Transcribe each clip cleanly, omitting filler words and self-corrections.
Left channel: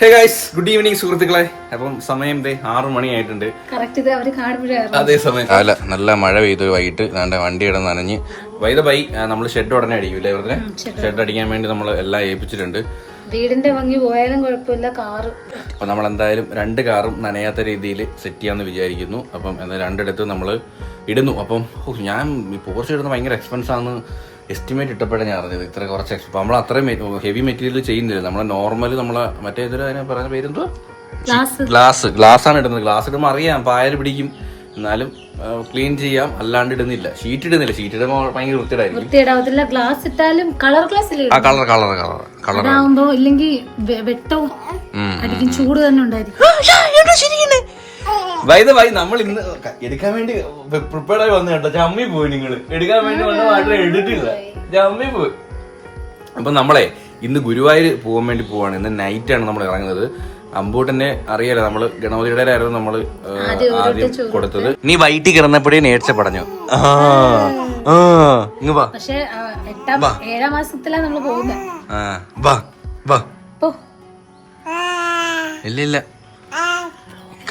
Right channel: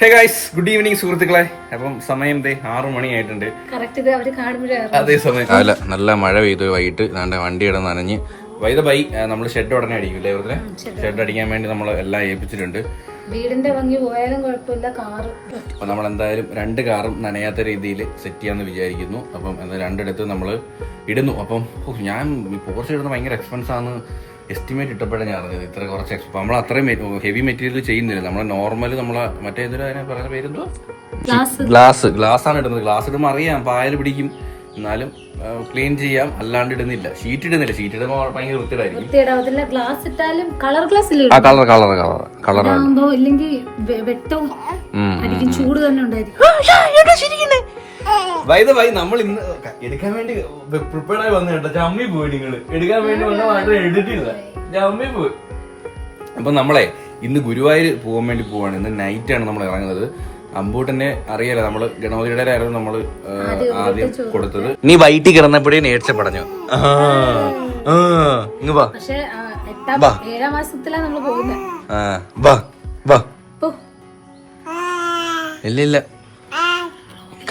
Hey guys, good evening സുഹൃത്തുക്കളെ. അപ്പം സമയം 6 മണിയായിട്ടുണ്ട്. അതേ സമയം നല്ല മഴ പെയ്തു. വൈകിട്ട് വണ്ടി ഇടന്ന് നനഞ്ഞ് ബൈ നമ്മൾ ഷെഡ് ഉടനെ അടിക്കൂലേ? ഇവിടുത്തെ ഷെഡ് അടിക്കാൻ വേണ്ടി നമ്മൾ എല്ലാം ഏൽപ്പിച്ചിട്ടുണ്ട്. വീടിന്റെ ഭംഗി പോയാലും കുഴപ്പമില്ല, കാറ്. അപ്പൊ നമ്മൾ എന്തായാലും 2 കാറും നനയാത്ത രീതിയിൽ സെറ്റ് ചെയ്യാമെന്ന് വിചാരിക്കുന്നു. അപ്പം എന്നാൽ 2 ഇടത്ത് നമ്മൾ ഇടുന്നു. അപ്പം ഞാൻ പോർച്ച് ഇടുന്ന ഭയങ്കര എക്സ്പെൻസ് ആണ് എസ്റ്റിമേറ്റ് ഇട്ടപ്പോഴേ ഞാൻ അറിഞ്ഞത്. ഇത്ര കുറച്ച് നമ്മൾ അത്രയും ഹെവി മെറ്റീരിയൽ ചെയ്യുന്നില്ല. നമ്മളെ നോർമൽ നമ്മളെ മറ്റേ ഇതിന് പറഞ്ഞ പേരെന്തോ ഗ്ലാസ് ആണ് ഇടുന്നത്. ഗ്ലാസ് ഇടുമ്പോൾ അറിയാം പായൽ പിടിക്കും, എന്നാലും ക്ലീൻ ചെയ്യാം. അല്ലാണ്ട് ഇടുന്നില്ല, ഷീറ്റ് ഇടുന്നില്ല. ഷീറ്റ് ഇടുമ്പോൾ ഭയങ്കര വൃത്തിയായിരിക്കും. ഗ്ലാസ് ഇട്ടാലും കളർ ഗ്ലാസ് ഇല്ലെങ്കിൽ വെട്ടവും ചൂട് തന്നെ ഉണ്ടായിരിക്കും. നമ്മൾ ഇന്ന് എടുക്കാൻ വേണ്ടി പ്രിപ്പയർഡ് ആയി വന്നു കേട്ടോ. ചമ്മി പോയി, നിങ്ങൾ എടുക്കാൻ വേണ്ടി വന്ന മാത്രം എടുത്തില്ല, ചമ്മി പോയി. അപ്പൊ നമ്മളെ ഇന്ന് ഗുരുവായൂർ പോകാൻ വേണ്ടി പോവാണ്. ഇന്ന് നൈറ്റാണ് നമ്മൾ ഇറങ്ങുന്നത്. അമ്പൂട്ടനെ അറിയാലോ, നമ്മള് ഗണപതിയുടെ ആയിരുന്നു നമ്മള് ആദ്യം കൊടുത്തത്. നീ വൈകിട്ട് കിടന്നപ്പോഴേ നേർച്ച പറഞ്ഞു. ഇല്ല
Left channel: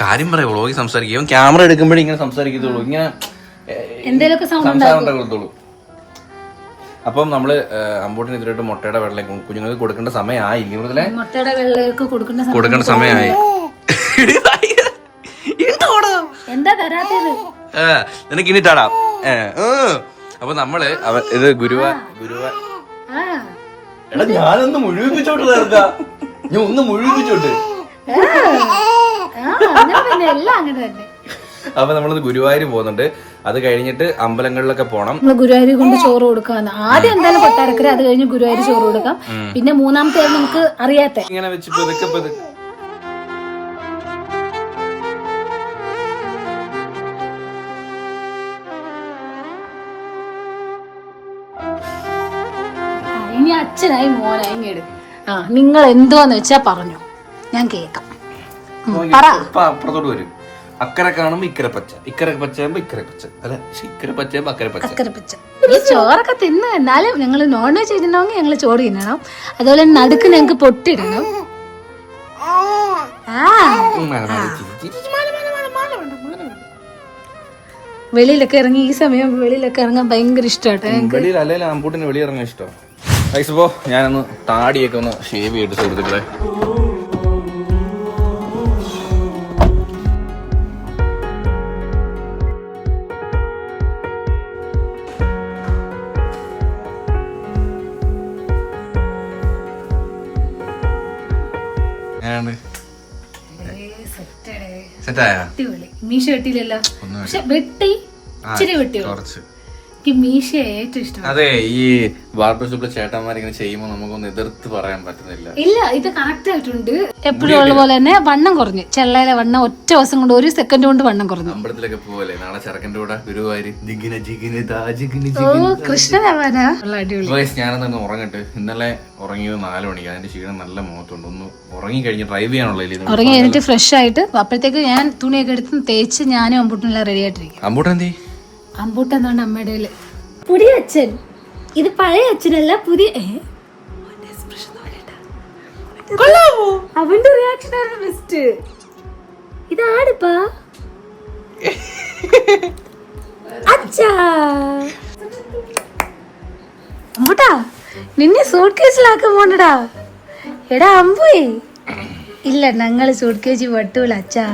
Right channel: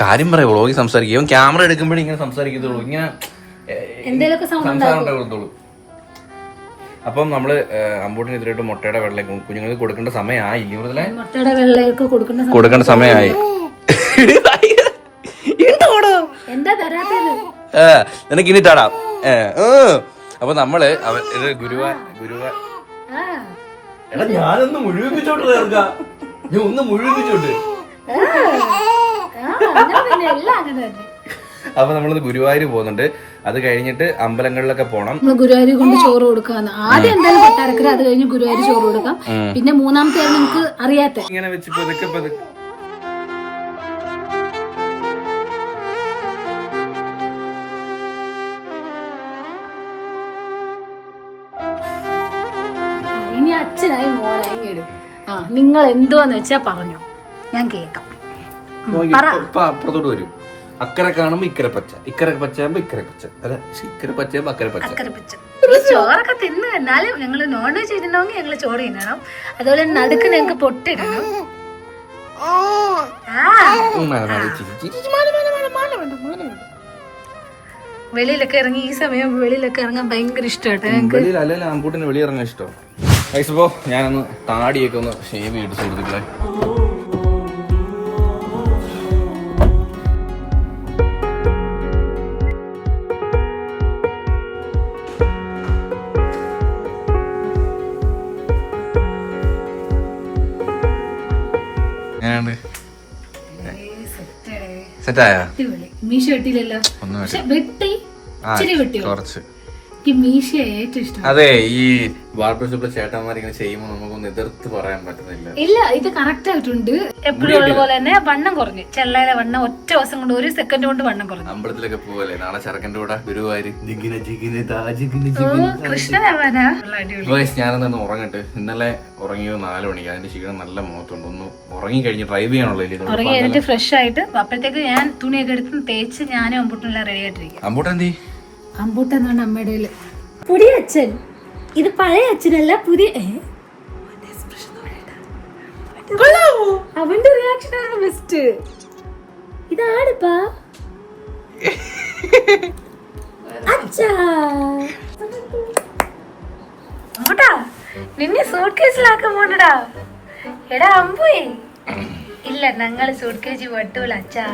കാര്യം പറയാ, വ്ളോഗിൽ സംസാരിക്കും. ക്യാമറ എടുക്കുമ്പോഴേ ഇങ്ങനെ സംസാരിക്കത്തുള്ളൂ, ഇങ്ങനെ സംസാരം ഉണ്ടാകത്തുള്ളൂ. അപ്പം നമ്മള് അമ്പൂട്ടിന് എതിരായിട്ട് മുട്ടയുടെ വെള്ളം കുഞ്ഞുങ്ങൾക്ക് കൊടുക്കേണ്ട സമയമായി. കൊടുക്കേണ്ട സമയമായി. നിനക്ക് ഇനി തടാം. അപ്പൊ നമ്മള് ഇത് ഗുരുവാ എടാ ഞാനൊന്ന് മുഴുവിപ്പിച്ചോട്ട് തീർക്ക. ഞാൻ ഒന്ന് മുഴുവിപ്പിച്ചോട്ട്. അപ്പൊ നമ്മളൊന്ന് ഗുരുവായൂർ പോകുന്നുണ്ട്. അത് കഴിഞ്ഞിട്ട് അമ്പലങ്ങളിലൊക്കെ പോണം. ഗുരുവായൂർ കൊണ്ട് ചോറ് കൊടുക്കാൻ ആദ്യം എന്തായാലും കൊട്ടാരക്കര, അത് കഴിഞ്ഞ് ഗുരുവായൂർ ചോറ് കൊടുക്കാം. പിന്നെ മൂന്നാമത്തെ നമുക്ക് അറിയാത്ത ഇങ്ങനെ വെച്ച് പതുക്കെ ഇനി അച്ഛനായി മോനായി എടുക്കും. നിങ്ങൾ എന്തോന്ന് വെച്ചാ പറഞ്ഞു, ഞാൻ കേക്കാം. അപ്പുറത്തോട്ട് വരും. അക്കരെ കാണുമ്പോ ഇക്കരെ പച്ച, ഇക്കരെ പച്ചയാകുമ്പോ ഇക്കരെ പച്ച, അല്ല ഇക്കരെ പച്ചയാകുമ്പോ അക്കരെ പച്ച. ചോറൊക്കെ തിന്നു. എന്നാലും ഞങ്ങള് നോൺ വെജ് ഇടണമെങ്കിൽ ഞങ്ങള് ചോറ് തിന്നണം. അതുപോലെ നടുക്ക് ഞങ്ങക്ക് പൊട്ടിടണം. വെളിയിലൊക്കെ ഇറങ്ങി ഈ സമയം വെളിയിലൊക്കെ ഇറങ്ങാൻ ഭയങ്കര ഇഷ്ടമായിട്ട്. അമ്പൂട്ടിന് വെളിയിറങ്ങാൻ ഇഷ്ടം. ഇപ്പോ ഞാനൊന്ന് താടിയൊക്കെ ഒന്ന് ഷേവ് ചെയ്തിട്ട് സുഹൃത്തുക്കളെ. മീശ വെട്ടിയില്ലല്ലോ, പക്ഷെ വെട്ടി ഇച്ചിരി വെട്ടി. മീശ ഏറ്റവും ഇഷ്ടം. അതെ, ഈ ബാർബർ ഷോപ്പിലെ ചേട്ടന്മാരിങ്ങനെ ചെയ്യുമ്പോ നമുക്കൊന്നും എതിർത്ത് പറയാൻ പറ്റുന്നില്ല. ഇല്ല, ഇത് കറക്റ്റ് ആയിട്ടുണ്ട്. എപ്പോഴും ഉള്ള പോലെ തന്നെ വണ്ണം കുറഞ്ഞു. ചെള്ളയിലെ വണ്ണം ഒറ്റ ദിവസം കൊണ്ട്, 1 സെക്കൻഡ് കൊണ്ട് വണ്ണം കുറഞ്ഞു. അമ്പലത്തിലൊക്കെ പോവല്ലേ നാളെ ചെറുക്കൻ്റെ കൂടെ ഗുരുവായൂര്. ഞാനൊന്ന് ഉറങ്ങട്ടെ. ഇന്നലെ ഉറങ്ങിയത് 4 മണിക്ക്. അതിന്റെ ക്ഷീണം നല്ല മുഖത്തുണ്ട്. ഒന്ന് ഉറങ്ങി കഴിഞ്ഞ് ഡ്രൈവ് ചെയ്യാനുള്ള ഉറങ്ങി കഴിഞ്ഞിട്ട് ഫ്രഷ് ആയിട്ട് അപ്പോഴത്തേക്ക് ഞാൻ തുണിയൊക്കെ എടുത്ത് തേച്ച് ഞാനും അമ്പൂട്ടിനെല്ലാം റെഡി ആയിട്ടിരിക്കും. അമ്പൂട്ടെന്തേ? അമ്പൂട്ട എന്താണ് അമ്മയുടെ പുതിയ അച്ഛൻ. ഇത് പഴയ അച്ഛനല്ല, പുതിയ. അവന്റെ റിയാക്ഷൻ ആണ് ബെസ്റ്റ്. ഇതാണിപ്പാ അച്ഛാ. അമ്പൂട്ടാ, നിന്നെ സൂട്ട് കേസിലാക്കാൻ പോണ്ടടാ. എടാ അമ്പേ, ഇല്ല ഞങ്ങള് സൂട്ട് കേസ് വെട്ടൂല അച്ഛാ.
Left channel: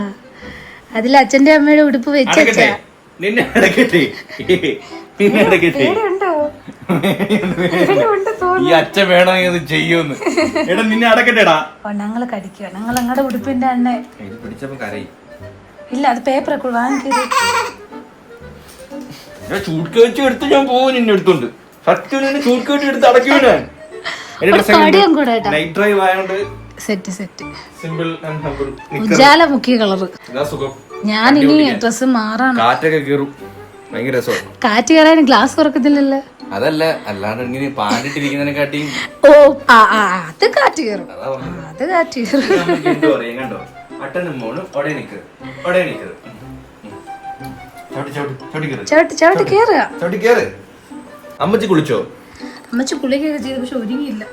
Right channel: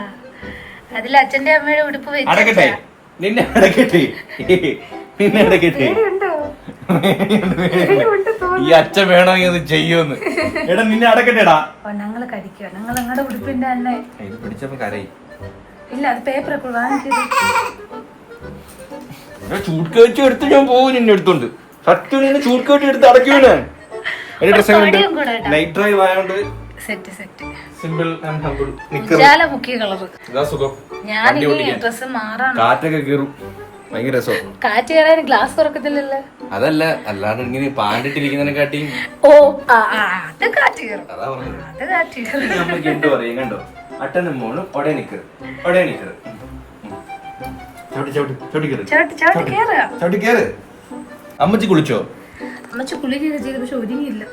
അതിൽ അച്ഛന്റെ അമ്മയുടെ ഉടുപ്പ് വെച്ച് നിന്നെ അടക്കട്ടെ. ഈ അച്ഛൻ വേണമെങ്കിൽ അത് ചെയ്യൂന്ന്. എടാ നിന്നെ അടക്കട്ടെടാ. ഞങ്ങള് കടിക്കുക. ഞങ്ങൾ ഞങ്ങളുടെ ഉടുപ്പിന്റെ തന്നെ ഇത് പിടിച്ചപ്പോ കരയി. ഇല്ല, അത് പേപ്പറൊക്കെ വാങ്ങിക്കൂ. ചൂട് കേട്ടി എടുത്ത് ഞാൻ പോകും. നിന്നെ എടുത്തോണ്ട് സത്യം നിന്നെ ചൂട് കേട്ടി എടുത്ത് അടയ്ക്കൂ. ഞാൻ എന്റെ ഡ്രസ് നൈറ്റ് ഡ്രൈവ് ആയതുകൊണ്ട് സെറ്റ് സിമ്പിൾ ആൻഡ് ഹംബിൾ. മുഖ്യ കളറ്. ഞാൻ ഡ്രസ് മാറാണ്. കാറ്റൊക്കെ കീറും, ഭയങ്കര രസം. കാറ്റ് കയറാൻ ഗ്ലാസ് തുറക്കത്തില്ലല്ലേ? അതല്ല, അല്ലാണ്ട് ഇങ്ങനെ പാണ്ടിട്ടിരിക്കുന്നതിനെക്കാട്ടി അത് കാറ്റ് കയറും. കണ്ടോ കണ്ടോ അട്ടനും മോളും ഒടേ നിക്കറ്. ചവിട്ടി കേറ്. അമ്മച്ചി കുളിച്ചോ? അമ്മച്ചി കുളിക്കൊക്കെ ചെയ്തു, പക്ഷെ ഒരുങ്ങിയില്ല.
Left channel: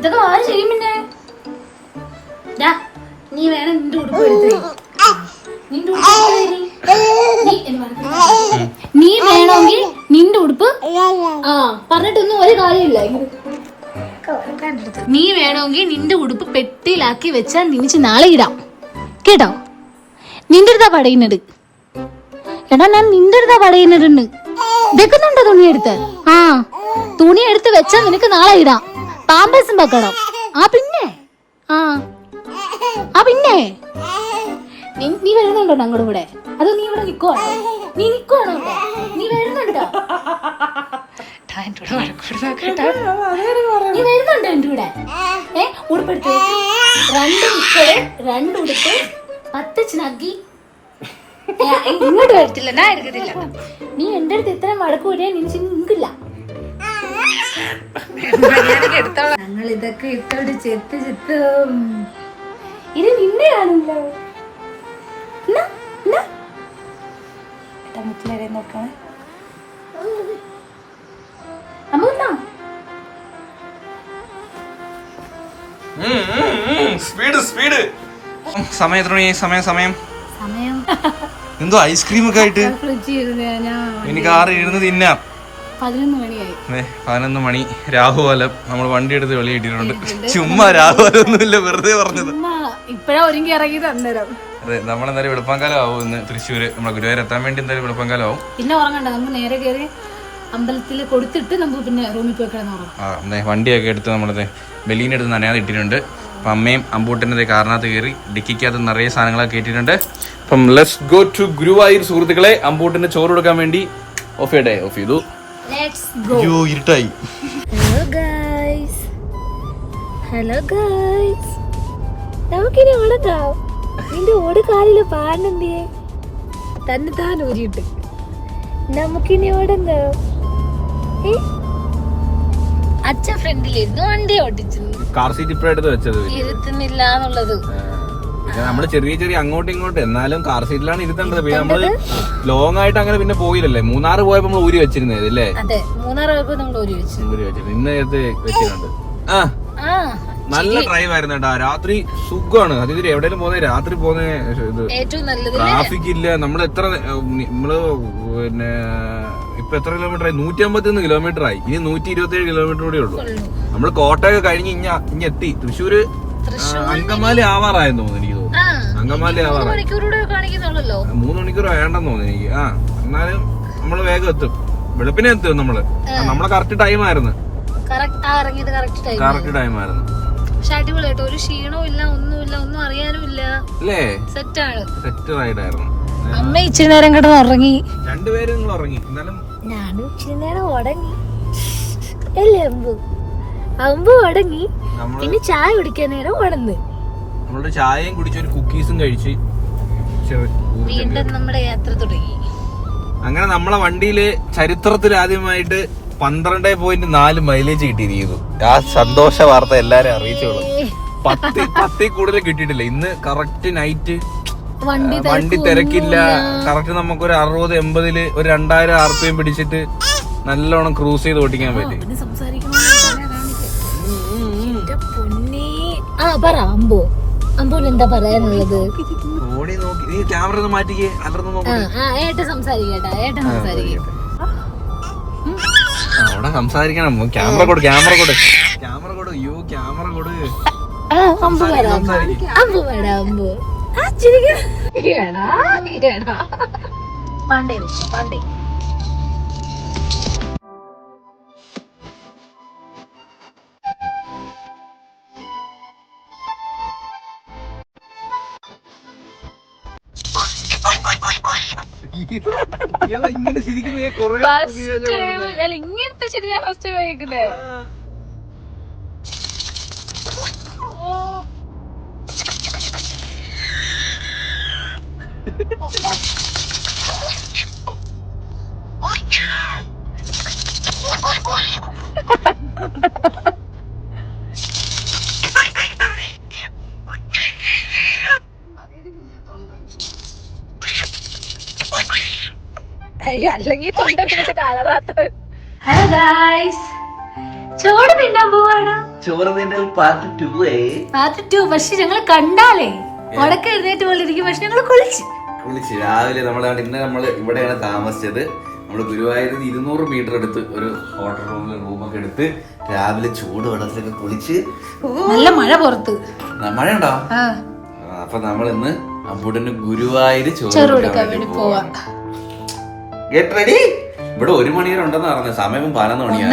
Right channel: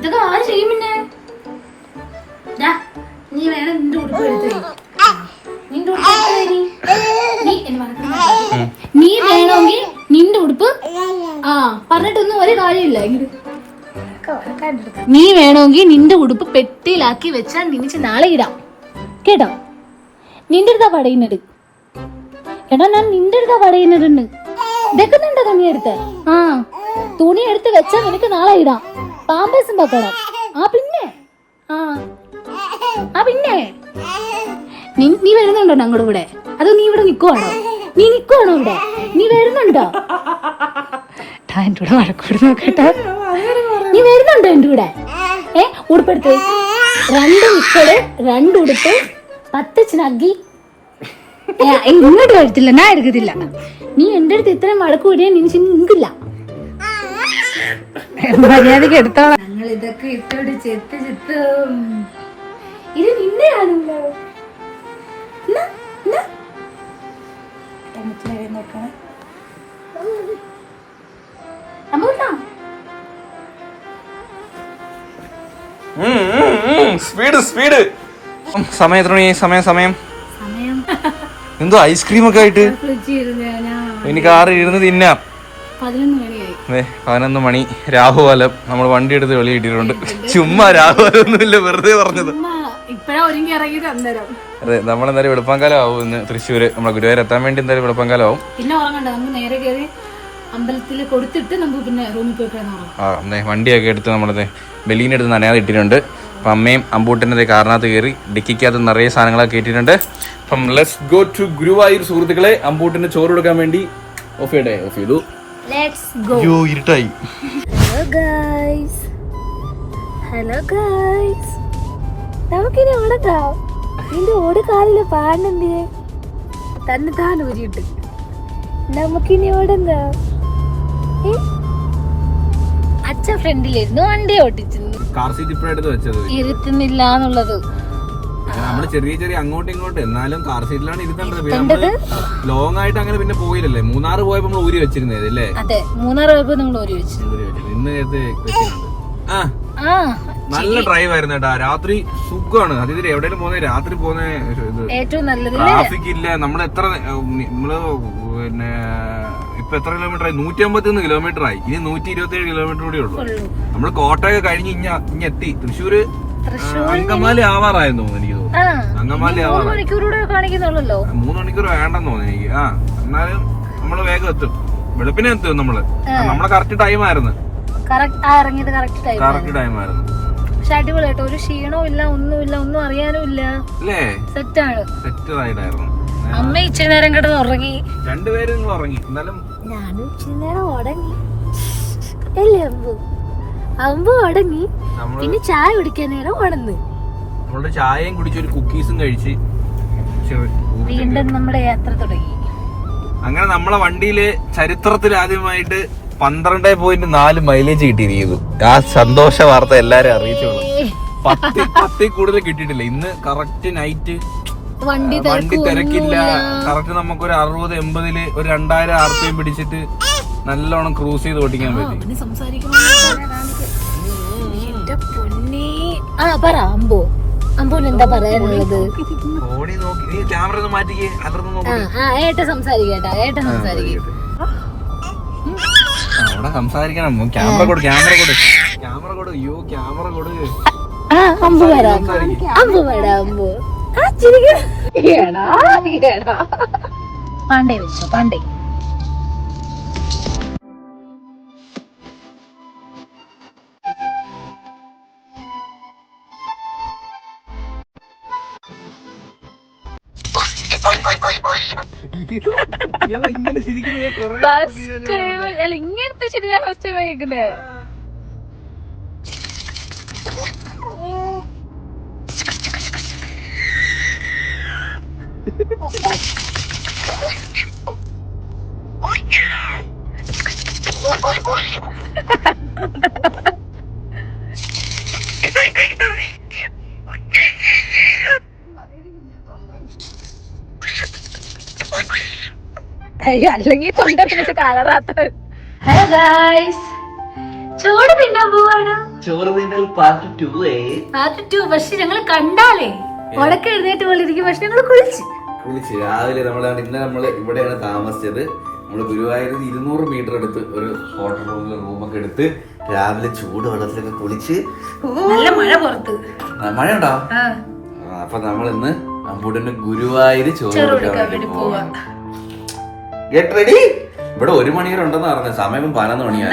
ഇതൊക്കെ ആര് ചെയ്യും? പിന്നെ നീ വേണം നിന്റെ ഉടുപ്പ് എടുത്ത് നിന്റെ ഉടുപ്പ് നീ വേണമെങ്കിൽ നിന്റെ ഉടുപ്പ് പറഞ്ഞിട്ടൊന്നും ഒരു കാര്യമില്ല. നീ വേണമെങ്കിൽ നിന്റെ ഉടുപ്പ് പെട്ടിയിലാക്കി വെച്ചാൽ നീച്ച് നാളെ ഇടാം കേട്ടോ. നിന്റെ അടുത്താ പടയുന്നത്. എടാ ഞാൻ നിന്റെ അടുത്താ പടയുന്നുണ്ട്. വെക്കുന്നുണ്ടോ തുണി എടുത്ത്? തുണി എടുത്ത് വെച്ചാൽ നിനക്ക് നാളെ ഇടാം. പാമ്പേഴ്സും വെക്കണം. പിന്നെ പിന്നെ നീ വരുന്നുണ്ടോ ഞങ്ങളുടെ കൂടെ? അതോ നീ ഇവിടെ നിക്കുവാണോ? നീ നിക്കുവാണോ ഇവിടെ? നീ വരുന്നുണ്ടോ? നീ വരുന്നുണ്ടോ എന്റെ കൂടെ? ഉടുപ്പെടുത്ത് 2 ഉടുപ്പ് 2 ഉടുപ്പ് 10 സ്നഗ്ഗി. ഇങ്ങോട്ട് എടുത്തില്ല, ഞാൻ എടുക്കത്തില്ല. നീ എന്റെ അടുത്ത് ഇത്രയും വഴക്ക് കൂടിയ നിമിക്കില്ല. ഞങ്ങൾ ഇതൊക്കെ ഇട്ടോട് ചെത്ത് ചെത്തും. ഇത് നിന്റെയാണല്ലോ. നോക്കണേ സ്പീഡ് സമയം എത്ര മണി? സമയം എന്തോ ഐസ്ക്രീം ഒക്കെ ആയിട്ട് എനിക്ക് 6 ഇരുന്ന് തിന്നാം. 11 മണി രാഹുകാലം. നമ്മൾ വണ്ടി എടുത്ത് വെളിയിട്ടിട്ടുണ്ട്. ചുമ്മാ രാഹുകാലം ഒന്നുമില്ല, വെറുതെ പറഞ്ഞത്. അതെ, നമ്മളെന്തായാലും വെളുപ്പാങ്കാലം ആവും ഇന്ന് തൃശ്ശൂര്. നമ്മളെ ഗുരുവായൂർ എത്താൻ വേണ്ടി എന്തായാലും വെളുപ്പാങ്കാലം ആവും. പിന്നെ ഉറങ്ങണ്ട, നമുക്ക് നേരെ കയറി അമ്പലത്തിൽ കൊടുത്തിട്ട് നമുക്ക് പിന്നെ റൂമിൽ പോയി വണ്ടിയൊക്കെ എടുത്ത് നമ്മളത് ബലീനെടുത്ത് നനയാതെ ഇട്ടിട്ടുണ്ട്. അപ്പം അമ്മയും അമ്പൂട്ടൻ്റെ കാറിനകത്ത് കയറി ഡിക്കിക്കകത്ത് നിറയെ സാധനങ്ങളൊക്കെ കയറ്റിയിട്ടുണ്ട്. അപ്പം ലെറ്റ്സ് ഗോ ടു ഗുരുവായൂർ സുഹൃത്തുക്കളെ. അമ്പൂട്ടിന് ചോറ് കൊടുക്കാൻ വേണ്ടി ഓഫ് ചെയ്തു. ഇരുട്ടായി. ഹലോ ഗൈസ്, നമുക്കിനി ഓടക്കാം. നിന്റെ ഓട് കാലില് പാടുന്നേ തന്നെ താൻ ഊരിയിട്ട് നമുക്കിനി ഓടങ്ങാം. അച്ഛ ഫ്രണ്ടിലായിരുന്നു വണ്ടി ഓട്ടിച്ചത്. കാർ സീറ്റ് ഇപ്പഴെടുത്ത് വെച്ചത് ഇരുത്തുന്നില്ല എന്നുള്ളത്. നമ്മള് ചെറിയ അങ്ങോട്ടും ഇങ്ങോട്ടും എന്നാലും കാർ സീറ്റിലാണ് ഇരുത്തേണ്ടത്. പിന്നെ നമ്മള് ലോങ് ആയിട്ട് അങ്ങനെ പിന്നെ പോയില്ലല്ലേ. മൂന്നാർ പോയപ്പോ നമ്മൾ ഊരി വെച്ചിരുന്നത് അല്ലേ? ഇന്ന് വെച്ചിട്ടുണ്ട്. നല്ല ഡ്രൈവ് ആയിരുന്നു കേട്ടോ. രാത്രി സുഖമാണ്. അതിൽ എവിടെയും പോകുന്നത് രാത്രി പോകുന്ന ട്രാഫിക് ഇല്ല. നമ്മള് പിന്നെ ഇപ്പൊ എത്ര കിലോമീറ്റർ ആയി? 151 കിലോമീറ്റർ ആയി. ഇനി 127 കിലോമീറ്റർ കൂടെ ഉള്ളൂ. നമ്മള് കോട്ടയൊക്കെ കഴിഞ്ഞ് ഇനി എത്തി. തൃശ്ശൂര് അങ്കമാലി ആവാറായെന്ന് തോന്നുന്നു. എനിക്ക് തോന്നുന്നു അങ്കമാലി ആവാറായി. 3 മണിക്കൂർ വേണ്ടെന്ന് തോന്നുന്നു എനിക്ക്. എന്നാലും നമ്മള് വേഗം എത്തും. വെളുപ്പിനെ എത്തും നമ്മള്. നമ്മളെ കറക്റ്റ് ടൈം ആയിരുന്നു. കറക്റ്റ് ടൈം ആയിരുന്നു. ഒരു ക്ഷീണവും ഇല്ല, ഒന്നുമില്ല, ഒന്നും അറിയാനും ഇല്ല. സെറ്റ് ആയിട്ടായിരുന്നു. അമ്മ ഇച്ചിരി നേരം കിടന്ന് ഉറങ്ങി. രണ്ടുപേരും ഉറങ്ങി. ഞാനും ഇച്ചിരി നേരം ഉടങ്ങി അല്ലേ അമ്പു ഉടങ്ങി. പിന്നെ ചായ കുടിക്കാൻ നേരം ഉണന്ന് നമ്മള് ചായയും കുടിച്ച് ഒരു കുക്കീസും കഴിച്ച് വീണ്ടും നമ്മുടെ യാത്ര തുടങ്ങി. അങ്ങനെ നമ്മളെ വണ്ടിയില് ചരിത്രത്തിൽ ആദ്യമായിട്ട് 12.4 മൈലേജ് കിട്ടിയിരിക്കുന്നു. ആ സന്തോഷ വാർത്ത എല്ലാരും അറിയിച്ചോളും. 10 കൂടുതൽ കിട്ടിയിട്ടില്ല. ഇന്ന് കറക്റ്റ് നൈറ്റ് വണ്ടി തിരക്കില്ല. കറക്റ്റ് നമുക്കൊരു 60-80 ഒരു 2000 RPM പിടിച്ചിട്ട് നല്ലോണം ക്രൂസ് ചെയ്ത് ഓടിക്കാൻ പറ്റി. അമ്പൂന് എന്താ പറയാനുള്ളത്? അവിടെ സംസാരിക്കണം. ക്യാമറ കൊടു. അയ്യോ ക്യാമറ കൊടു. ഇങ്ങനെ ഇങ്ങനത്തെ ശരിയാ ഫസ്റ്റ് കഴിക്കുന്നേ. അല്ലെങ്കിൽ ഹലോ ഗായ്സ്, ചോറ് തിന്നാൻ പോവാണ്. ചോറ് തിന്നൽ പാർട്ട് 2 പാർട്ട് 2. പക്ഷെ ഞങ്ങള് കണ്ടാലേ ഉടക്ക എഴുന്നേറ്റ് പോലെ ഇരിക്കും. പക്ഷെ ഞങ്ങള് കുളിച്ച് രാവിലെ ഇന്ന് നമ്മൾ ഇവിടെയാണ് താമസിച്ചത്. നമ്മൾ ഗുരുവായൂരിൽ 200 മീറ്റർ എടുത്ത് ഒരു ഹോട്ടൽ റൂമൊക്കെ എടുത്ത് രാവിലെ ചൂട് വെള്ളത്തിലൊക്കെ കുളിച്ച് നല്ല മഴ പുറത്ത്. മഴ ഉണ്ടോ? അപ്പൊ നമ്മൾ ഇന്ന് അമ്പൂട്ടന് ഗുരുവായൂര് ചോറ് കൊടുക്കാൻ വേണ്ടി പോവാ. Get ready. ഇവിടെ 1 മണി വരെ ഉണ്ടെന്ന് പറഞ്ഞത്. സമയം 11 മണിയാണ്.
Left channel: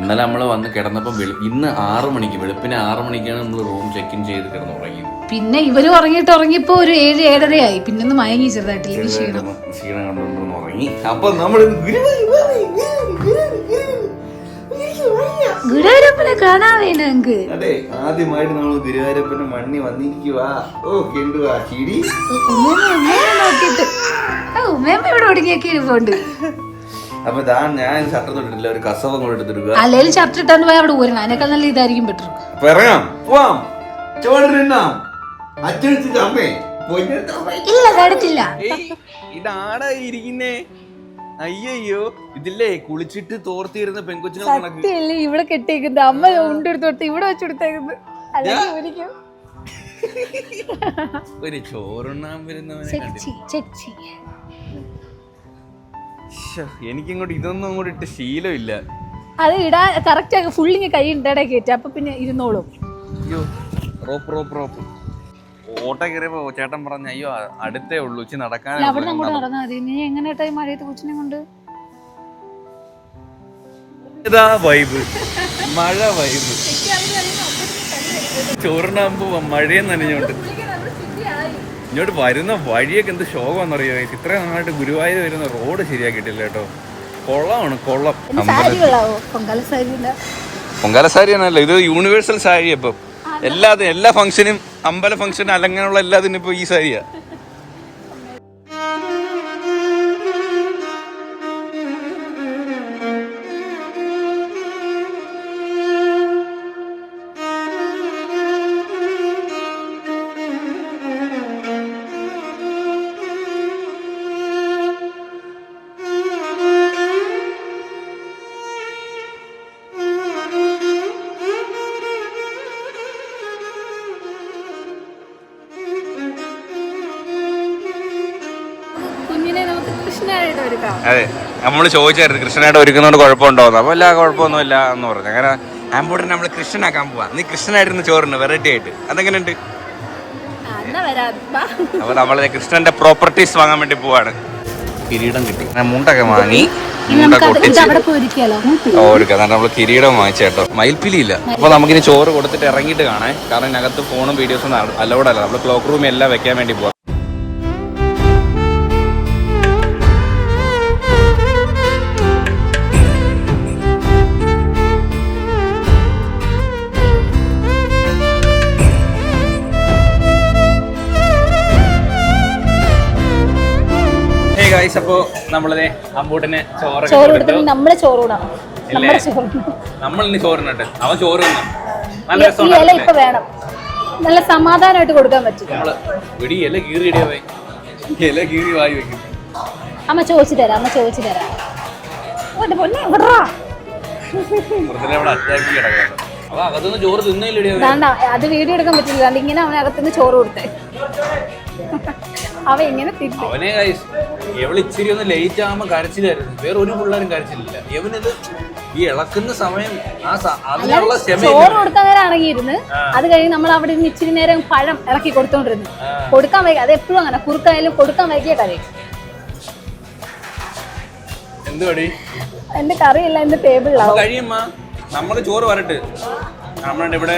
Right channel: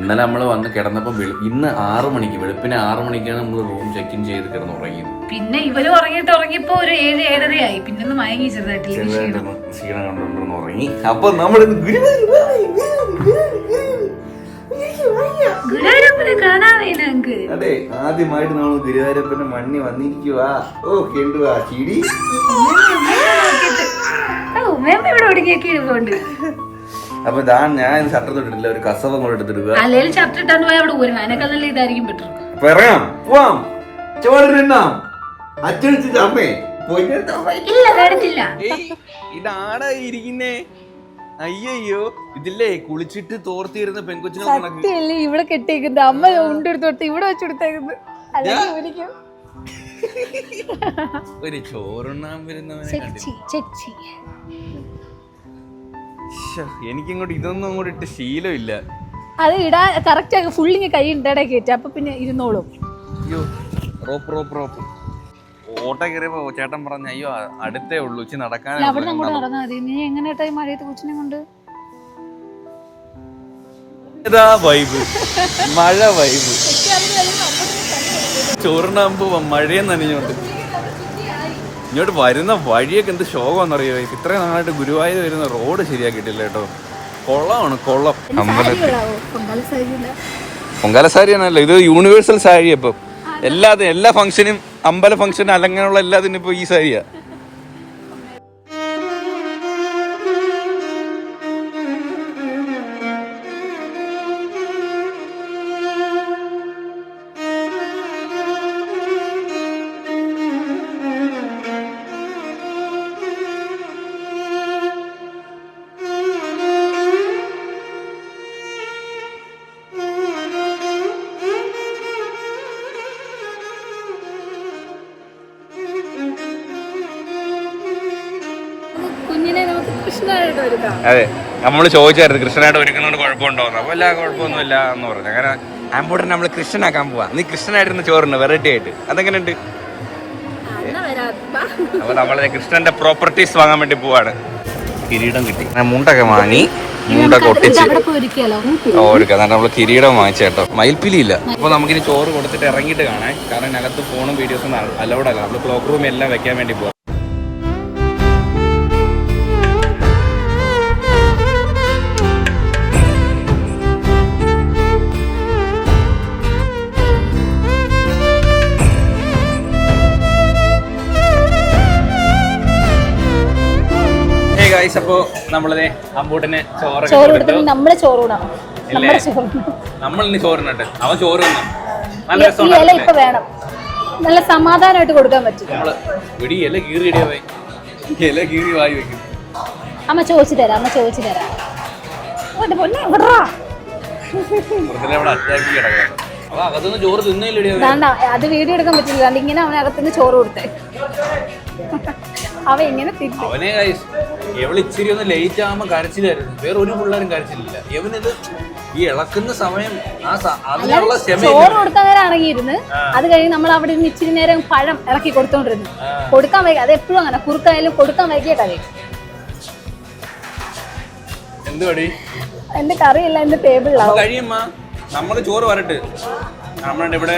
ഇന്നലെ നമ്മൾ വന്ന് കിടന്നപ്പം ഇന്ന് 6 മണിക്ക് വെളുപ്പിന് 6 മണിക്കാണ് നമ്മൾ റൂം ചെക്ക് ഇൻ ചെയ്ത് കിടന്നുറങ്ങിയത്. പിന്നെ ഇവര് ഉറങ്ങിയപ്പോ ഒരു 7-7:30 ആയി. പിന്നെ മയങ്ങി ചെറുതായിട്ട് ക്ഷീണം കണ്ടുകൊണ്ടൊന്ന് ഉറങ്ങി. അപ്പൊ നമ്മൾ ഗുരുവായൂരപ്പനെ കാണാവേ ഞങ്ങക്ക്. അതെ, ആദ്യമായിട്ട് നമ്മൾ ഗുരുവായൂരപ്പന്റെ മണ്ണി വന്നിരിക്കുവാ. ഓ കെണ്ടുവാ ചിടി. ഉമ്മയമ്മ ഇവിടെ ഒടുങ്ങിയൊക്കെ ഇരിപ്പുണ്ട്. അപ്പൊ ഞാൻ ഷർട്ട് തൊട്ടിട്ടില്ല, ഒരു കസവം കൂടെ എടുത്തിടുക. അല്ലെങ്കിൽ ഷർട്ട് ഇട്ടാണ്ട് പോയി അവിടെ ഊരണം. അതിനേക്കാൾ നല്ല ഇതായിരിക്കും ബെറ്റർ. പറയാം പോവാം ചോറിനാം അച്ഛൻ അമ്മേ ഇല്ല. ഇതാടാ ഇരിക്കുന്നേ. അയ്യോ ഇതില്ലേ കുളിച്ചിട്ട് തോർത്തിരുന്ന പെൺകൊച്ചിനെ ഇവിടെ കെട്ടിയേക്കുന്നത്. അമ്മ ഉണ്ടെടുത്തോട്ട് ഇവിടെ വെച്ചെടുത്തേക്കുന്നത്. ഒരു ചോറുണ്ണാൻ വരുന്നവനെ എനിക്കിങ്ങോട്ട് ഇതൊന്നും അങ്ങോട്ട് ഇട്ട് ശീലമില്ല. അത് ഇടാൻ കറക്റ്റ് ആക്കി ഫുള്ളിങ് കൈ ഇടടെ കയറ്റി. അപ്പൊ പിന്നെ ഇരുന്നോളും. അയ്യോ റോപ്പ് ഓട്ട കയറിയപ്പോ ചേട്ടൻ പറഞ്ഞ അയ്യോ അടുത്തേ ഉള്ളൂ ഉച്ച നടക്കാൻ. അവിടെ അങ്ങോട്ട് നടന്നാൽ മതി. നീ എങ്ങനെയാ മഴയത്ത് കൊച്ചിനെ കൊണ്ട്? വൈബ് മഴ വൈബ് ചോറിനാകുമ്പോ മഴയും നനഞ്ഞോണ്ട് ഇങ്ങോട്ട് വരുന്ന വഴിയൊക്കെ എന്ത് ശോകമാണെന്നറിയോ. ഇത്രയും നാളായിട്ട് ഗുരുവായൂർ വരുന്ന റോഡ് ശരിയാക്കിയിട്ടില്ല കേട്ടോ. കൊള്ളമാണ് കൊള്ളം. പൊങ്കാല സാരി ആണല്ലോ ഇത്. യൂണിവേഴ്സൽ സാരി. അപ്പം എല്ലാ ഫംഗ്ഷനും അമ്പല ഫംഗ്ഷനും അലങ്ങനെയുള്ള എല്ലാത്തിനും ഇപ്പൊ ഈ സാരിയാ. അതെ, നമ്മള് ചോദിച്ചായിരുന്നു കൃഷ്ണനായിട്ട് ഒരുക്കുന്നോണ്ട് കുഴപ്പമുണ്ടോന്ന്. അപ്പൊ എല്ലാ കുഴപ്പമൊന്നുമില്ല എന്ന് പറഞ്ഞു. അങ്ങനെ ആമ്പൂട്ടൻ നമ്മള് കൃഷ്ണനാക്കാൻ പോവാ. നീ കൃഷ്ണനായിരുന്നു ചോറിന് വെറൈറ്റി ആയിട്ട്. അതെങ്ങനെയുണ്ട്? അപ്പൊ നമ്മളെ കൃഷ്ണന്റെ പ്രോപ്പർട്ടീസ് വാങ്ങാൻ വേണ്ടി പോവാണ്. കിരീടം കിട്ടി, മുണ്ടൊക്കെ വാങ്ങി, മുണ്ടൊക്കെ ഒട്ടിച്ച് ഓർക്കാം. നമ്മള് കിരീടം വാങ്ങിച്ചേട്ടോ. മയിൽപ്പിലി ഇല്ല. അപ്പൊ നമുക്കിനി ചോറ് കൊടുത്തിട്ട് ഇറങ്ങിയിട്ട് കാണാൻ. കാരണം ഇതിനകത്ത് ഫോണും വീഡിയോസും അലൗഡ് അല്ല. നമ്മള് ക്ലോക്ക് റൂം എല്ലാം വെക്കാൻ വേണ്ടി പോവാം. അപ്പൊ നമ്മളിത് അമ്പൂട്ടിന് നമ്മളിന്ന് ചോറിനുണ്ട്. അവൻ ചോറ് ഇപ്പൊ വേണം. നല്ല സമാധാനമായിട്ട് കൊടുക്കാൻ പറ്റും. ഇല കീറി വായി വെക്കും. അമ്മ ചോദിച്ചു തരാം. ചോറ് തിന്നില്ല. അത് വീഡിയോ എടുക്കാൻ പറ്റില്ല. ഇങ്ങനെ അവൻ അകത്തുനിന്ന് ചോറ് കൊടുത്തേ. അവ ഇങ്ങനെ അവനെ എവള് ഇച്ചിരി ഒന്ന് ലേറ്റ് ആകുമ്പോ കരച്ചിലായിരുന്നു. വേറെ ഒരു പിള്ളേരും കരച്ചിലില്ല. ഇവനിത് ഈ ഇളക്കുന്ന സമയം അതിനുള്ള ചോറ് കൊടുക്കാനാണെങ്കിരുന്ന്. അത് കഴിഞ്ഞ് നമ്മൾ അവിടെ നിന്ന് ഇച്ചിരി നേരം പഴം ഇറക്കി കൊടുത്തോണ്ടിരുന്നു. കൊടുക്കാൻ വൈകി. അത് എപ്പോഴും അങ്ങനെ കുറുക്കായാലും കൊടുക്കാൻ വൈകിയ കറി. എന്തുപടി എന്റെ കറിയല്ല എന്റെ ടേബിളിലാവും. കഴിയുമ്പോ നമ്മള് ചോറ് വരട്ട്. നമ്മളുടെ ഇവിടെ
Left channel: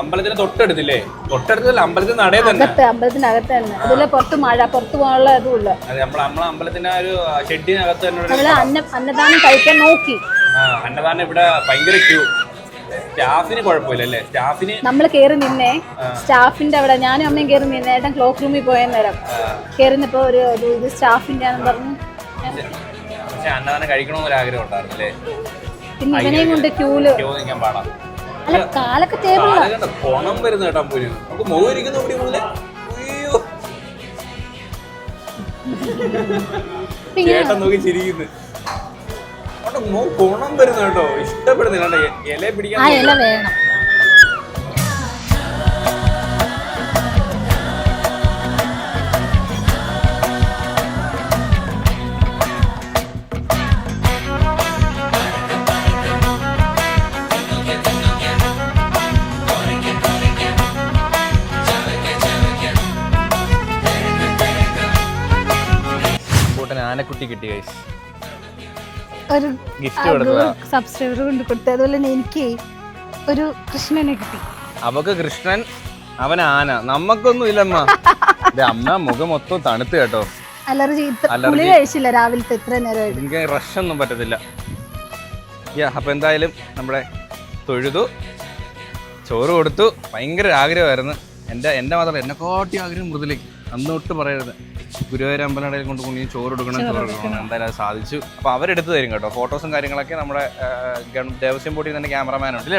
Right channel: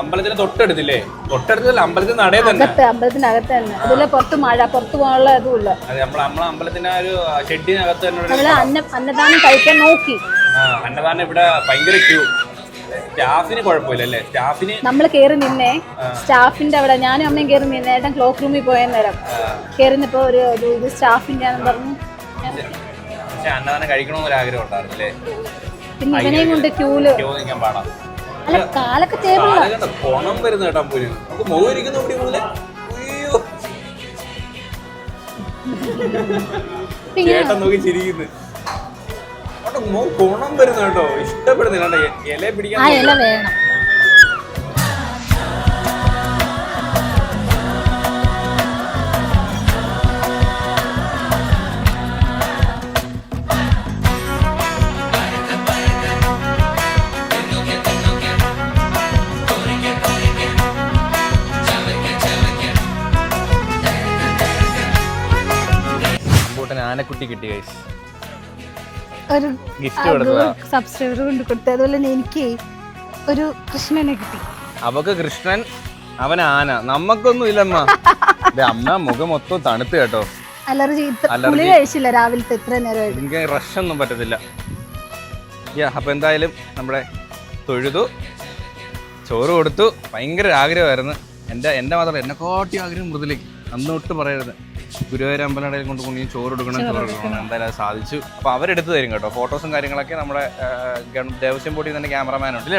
അമ്പലത്തിന് തൊട്ടടുത്തില്ലേ? തൊട്ടടുത്തല്ല, അമ്പലത്തിന് നടയിൽ തന്നെ. അമ്പലത്തിനകത്ത് തന്നെ. അതിലെ പുറത്ത് മഴ പുറത്ത് പോകാനുള്ള അതുമില്ല. അതെ, നമ്മളെ അമ്പലത്തിന്റെ ഒരു ഷെഡിനകത്ത് തന്നെ അന്നദാനം കഴിക്കാൻ നോക്കി. അന്നദാനം ഇവിടെ ഭയങ്കര ക്യൂ. സ്റ്റാഫിന് കുഴപ്പമില്ല അല്ലേ? സ്റ്റാഫിന് നമ്മള് കേറി നിന്നേ. സ്റ്റാഫിന്റെ അവിടെ ഞാനും അമ്മയും കേറി നിന്നേ. ഏട്ടൻ ക്ലോക്ക് റൂമിൽ പോയ നേരം കേറുന്നപ്പോ ഒരു ഇത് സ്റ്റാഫിന്റെ ആണെന്ന് പറഞ്ഞു. പക്ഷെ അന്നദാനം കഴിക്കണമെന്നൊരു ആഗ്രഹം ഉണ്ടായിരുന്നു അല്ലേ? പിന്നെ ഇവനെയും കൊണ്ട് ക്യൂ നിൽക്കാൻ പാടാം. അല്ല കാലൊക്കെ ടേബിളിലാണ്. കൊണം വരുന്ന കേട്ടാ പോലും നമുക്ക് മുഖം ഇരിക്കുന്ന കൂടി പോലെ. ചേട്ടൻ നോക്കി ചിരിക്കുന്നു. ഗുണം വരുന്നു കേട്ടോ, ഇഷ്ടപ്പെടുന്നില്ല. ഇല പിടിക്കാൻ ആ ഇല വേണം. ആനക്കുട്ടി കിട്ടി ഗൈസ്, ഒരു ഗിഫ്റ്റ് സബ്സ്ക്രൈബർ കൊണ്ട് കൊടുത്തു. അതുപോലെ തന്നെ എനിക്ക് ഒരു കൃഷ്ണനെ കിട്ടി. അവക്ക് കൃഷ്ണൻ, അവൻ ആന, നമ്മക്കൊന്നും ഇല്ലമ്മ. അമ്മ മുഖം മൊത്തം തണുത്ത് കേട്ടോ. അലർജി കഴിച്ചില്ല രാവിലത്തെ ഇത്ര നേരമായിട്ട്. എനിക്ക് റഷ് ഒന്നും പറ്റത്തില്ല. അപ്പൊ എന്തായാലും നമ്മുടെ തൊഴുതു, ചോറ് കൊടുത്തു. ഭയങ്കര ആഗ്രഹമായിരുന്നു എന്റെ മാത്രം, എന്നെക്കാട്ടി ആഗ്രഹം മൃദുലേക്ക്. അന്നൊട്ട് പറയരുത്, ഗുരുവായൂർ അമ്പലനടയിൽ കൊണ്ട് കൊണ്ടു ചോറ് കൊടുക്കണം. എന്തായാലും അത് സാധിച്ചു. അപ്പൊ അവരെടുത്ത് തരും കേട്ടോ. ഫോട്ടോസും കാര്യങ്ങളൊക്കെ നമ്മുടെ ദേവസ്വം ബോർഡിൽ തന്നെ ക്യാമറമാൻ ഉണ്ട്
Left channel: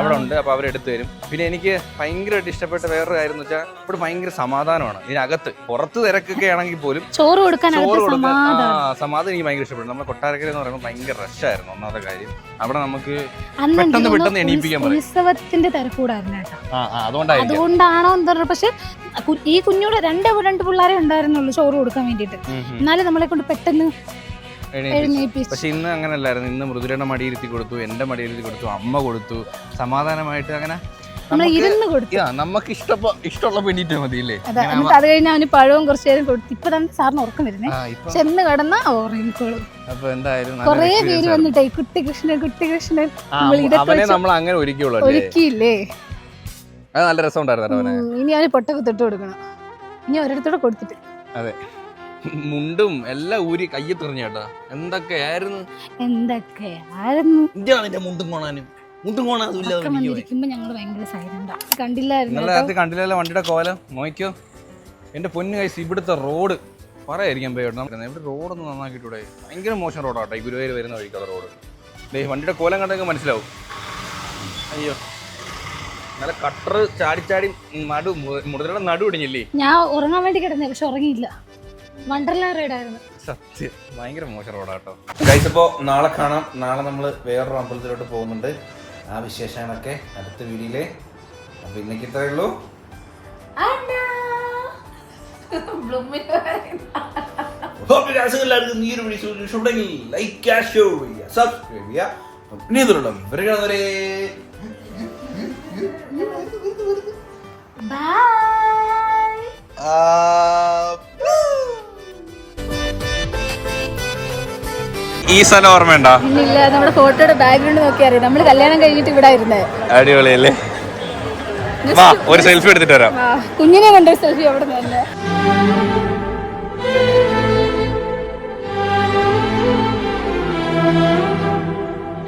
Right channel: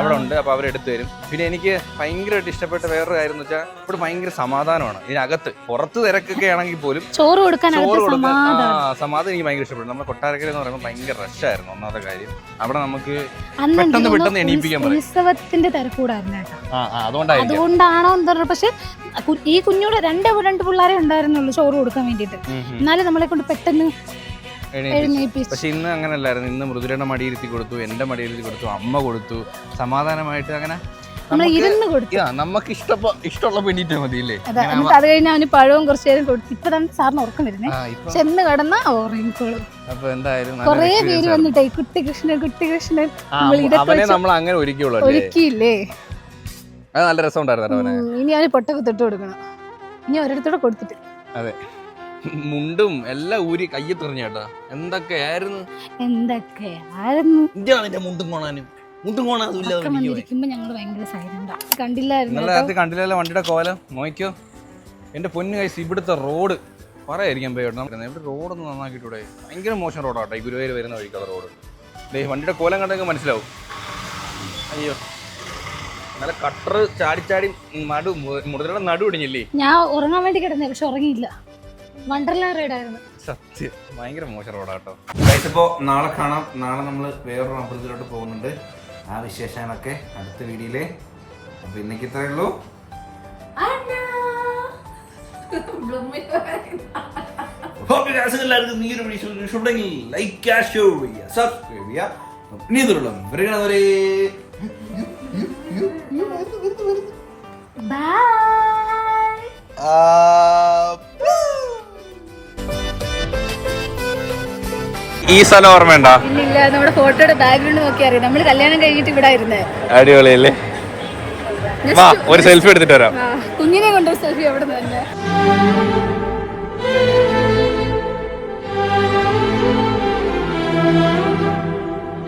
അവിടെ ഉണ്ട്. അപ്പൊ അവരെടുത്ത് തരും. പിന്നെ എനിക്ക് ഭയങ്കരമായിട്ട് ഇഷ്ടപ്പെട്ട വേറൊരു കാര്യം എന്ന് വെച്ചാൽ ഇവിടെ ഭയങ്കര സമാധാനമാണ്. ഇതിനകത്ത് പുറത്ത് തിരക്കൊക്കെ ആണെങ്കിൽ പോലും ചോറ് കൊടുക്കാൻ സമാധാനം എനിക്ക് ഭയങ്കര ഇഷ്ടപ്പെട്ടു. നമ്മുടെ കൊട്ടാരക്കര എന്ന് പറയുമ്പോൾ ഭയങ്കര റഷായിരുന്നു ഒന്നാമത്തെ കാര്യം. അവിടെ നമുക്ക് പെട്ടെന്ന് എണീപ്പിക്കാൻ പറയും. ഉത്സവത്തിന്റെ തിരക്കൂടായിരുന്നു കേട്ടോ. അതുകൊണ്ടാണോ എന്താ, പക്ഷെ ഈ കുഞ്ഞോട് രണ്ട് പിള്ളേരെ ഉണ്ടായിരുന്നുള്ളൂ ചോറ് കൊടുക്കാൻ വേണ്ടിട്ട്. എന്നാലും നമ്മളെ കൊണ്ട് പെട്ടെന്ന് എഴുന്നേൽപ്പിച്ചു. പക്ഷെ ഇന്ന് അങ്ങനെ അല്ലായിരുന്നു. ഇന്ന് മൃദുലയുടെ മടിയിരുത്തി കൊടുത്തു, എന്റെ മടിയിരുത്തി കൊടുത്തു, അമ്മ കൊടുത്തു, സമാധാനമായിട്ട് അങ്ങനെ നമുക്ക് ഇഷ്ടമുള്ള വേണ്ടിട്ട് മതിയില്ലേ. അത് കഴിഞ്ഞാൽ അവന് പഴവും കുറച്ചു നേരം കൊടുത്തു. ഇപ്പൊ തന്നെ സാറിന് ഉറക്കം വരുന്നേ, ചെന്ന് കിടന്നാ ഉറങ്ങിക്കോളും. അപ്പൊ എന്തായാലും കൊറേ പേര് വന്നിട്ടേ കുട്ടി കൃഷ്ണൻ അവനെ നമ്മൾ അങ്ങനെ ഒരുക്കിയില്ലേ. അത് നല്ല രസം ഉണ്ടായിരുന്നു. ഇനി അവന് പൊട്ടൊക്കെ തൊട്ട് കൊടുക്കണം. ഇനി ഒരിടത്തോടെ കൊടുത്തിട്ട്. അതെ, മുണ്ടും എല്ലാം ഊരി കയ്യിൽ തെറിഞ്ഞ കേട്ടാ. എന്തൊക്കെയായിരുന്നു മുണ്ടും കോണാനും ഞങ്ങള് ഭയങ്കര സൈലന്റാ. കണ്ടില്ലല്ലോ വണ്ടിയുടെ കോലം നോക്കിയോ. എന്റെ പൊന്നു കൈസ്, ഇവിടുത്തെ റോഡ് പറയായിരിക്കാൻ പോയിട്ടോ. ഇവിടെ റോഡൊന്നും നന്നാക്കിയിട്ടൂടെ? ഭയങ്കര മോശം റോഡാട്ടോ ഈ ഗുരുവായൂർ വരുന്ന വഴിക്കുള്ള റോഡ്. വണ്ടിയുടെ കോലം കണ്ടെങ്കിൽ മനസ്സിലാവും. അയ്യോ, നല്ല കട്ടർ ചാടി മുതലുള്ള നടു ഇടിഞ്ഞില്ലേ. ഞാൻ ഉറങ്ങാൻ വേണ്ടി കിടന്നേ, പക്ഷെ ഉറങ്ങിയില്ല. വണ്ടർലാ റൈഡായിരുന്നു. സത്യം ഭയങ്കര മോശം റോഡാട്ടോ. ഇപ്പോ നാളെ കാണാം. നാളെ നമ്മള് വേറൊരു അമ്പലത്തിലോട്ട് പോകുന്നുണ്ട്. ആ വിശേഷങ്ങളൊക്കെ അടുത്ത വീഡിയോയില്. അപ്പൊ ഇന്നേക്ക് ഇത്രേ ഉള്ളൂ. എല്ലാവർക്കും ഈ ഒരു വീഡിയോ ഇഷ്ടപ്പെട്ടെങ്കിൽ ലൈക്ക് ചെയ്യുക, ഷെയർ ചെയ്യുക, സബ്സ്ക്രൈബ് ചെയ്യുക. ഇനി ഇതിലുള്ള വരെ ഈ സ്ഥലം ഓർമ്മയുണ്ടോ? ഇല്ല, നമ്മുടെ ഫോട്ടോയുടെ ബാക്ക്ഗ്രൗണ്ട് നോക്കി അറിയാം. നമ്മള് കല്യാണം കഴിഞ്ഞിട്ട് ഇവിടെ ആയിരുന്നേ. അടിപൊളിയല്ലേ. ഒരു സെൽഫി എടുത്തിട്ട് വരാം. കുഞ്ഞിനെ കണ്ട സെൽഫി അവിടെ തന്നെ.